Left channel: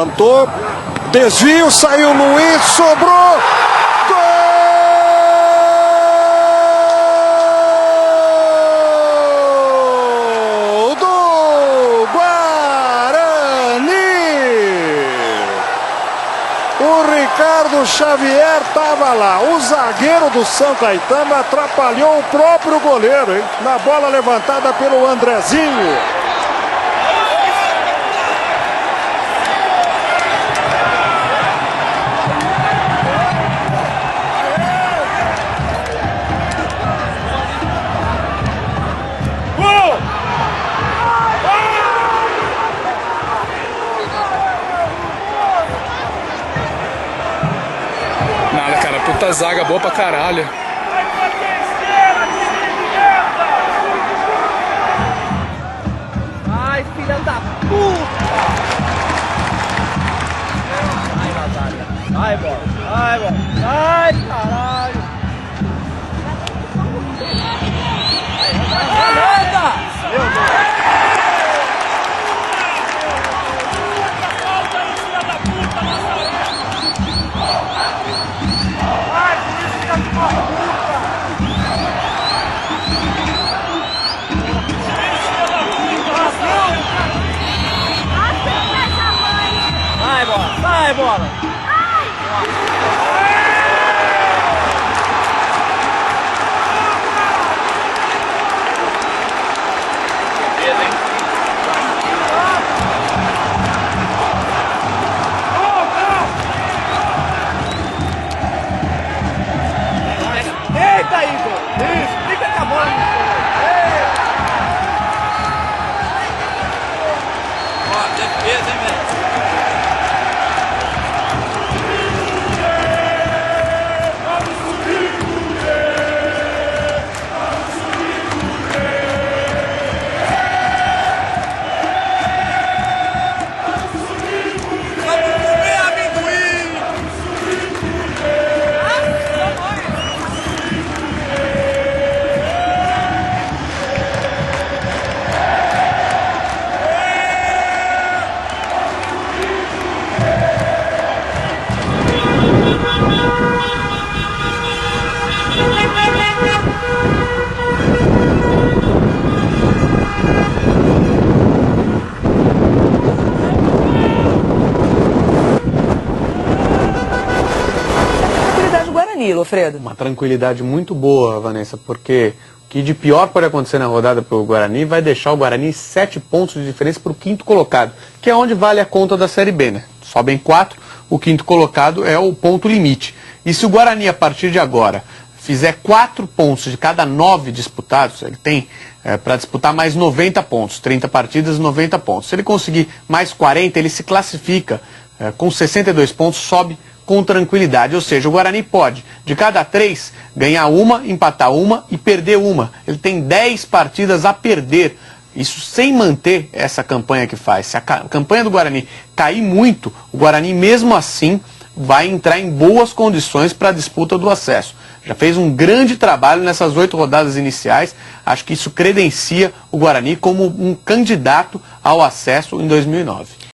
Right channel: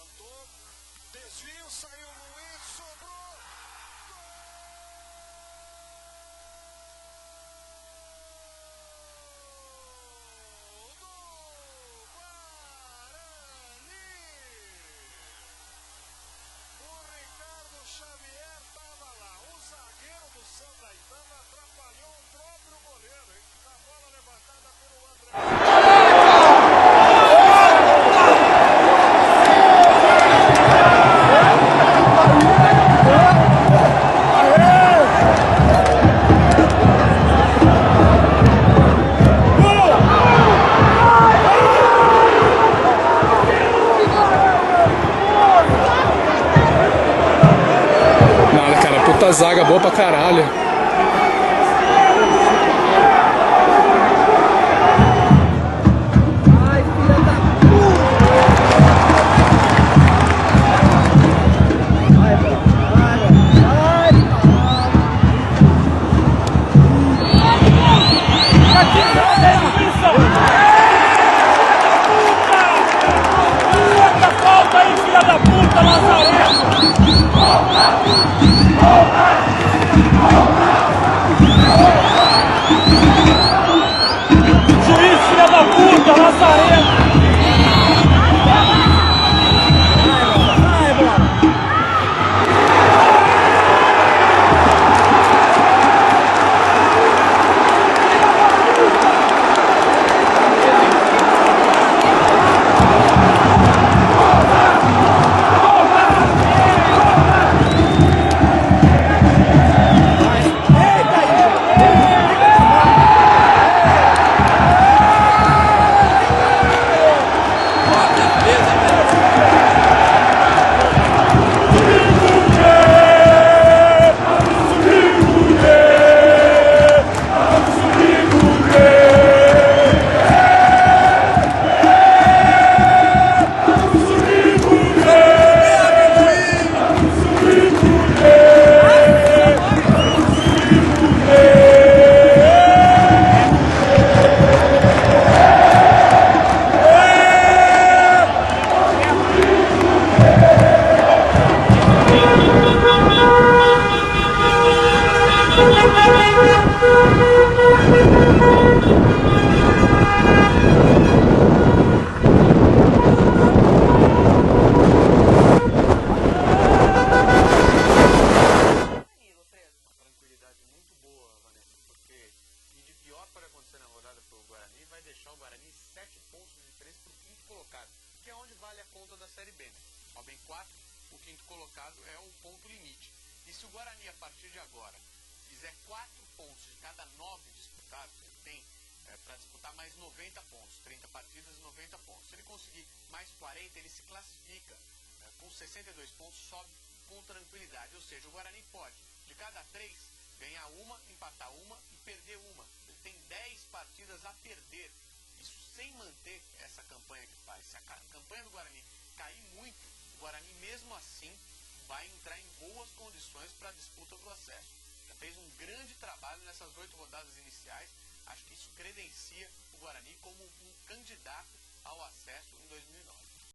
Levantou, desvio, saiu Luiz, sobrou. Gol do Guarani! O Ricardo Xavier estava lá. O zagueiro do São Caetano atrapalhou o próprio goleiro, hein? Na bola levantada pelo Andrezinho. Nada, cara, puta zaga boa pra caralho. Ai, filha da puta! Ai, bola, ai, bola, ai, caralho! Essa falta aí, filha da puta, Lazarento! Juiz, filha da puta, Lazarento! Vai, bola, vai, bola! Alfredo. Uma tranquilidade muito boa, Vanessa, porque o que de pior pode acontecer na rodada para o Guarani vai deixar o Guarani 7 pontos de diferença para o quinto colocado, que é onde vale a conta da Série B, né? Sobem 4, o quinto colocado é o ponto limite. E se o Guarani, a partir de agora, fizer 4 pontos de cada 9 disputados, ele tem para disputar mais 90 pontos, 30 partidas, 90 pontos. Se ele conseguir mais 40, ele se classifica com 62 pontos, sobe com tranquilidade, ou seja, o Guarani pode, de cada 3, ganhar uma, empatar uma e perder uma. Ele tem 10 partidas a perder, isso sem manter essa campanha que faz. Se a campanha do Guarani cair muito, o Guarani mesmo assim vai entrar em boas condições para a disputa do acesso. Já fez um grande trabalho nessas 8 rodadas iniciais, acho que isso credencia o Guarani como um candidato ao acesso em 2009.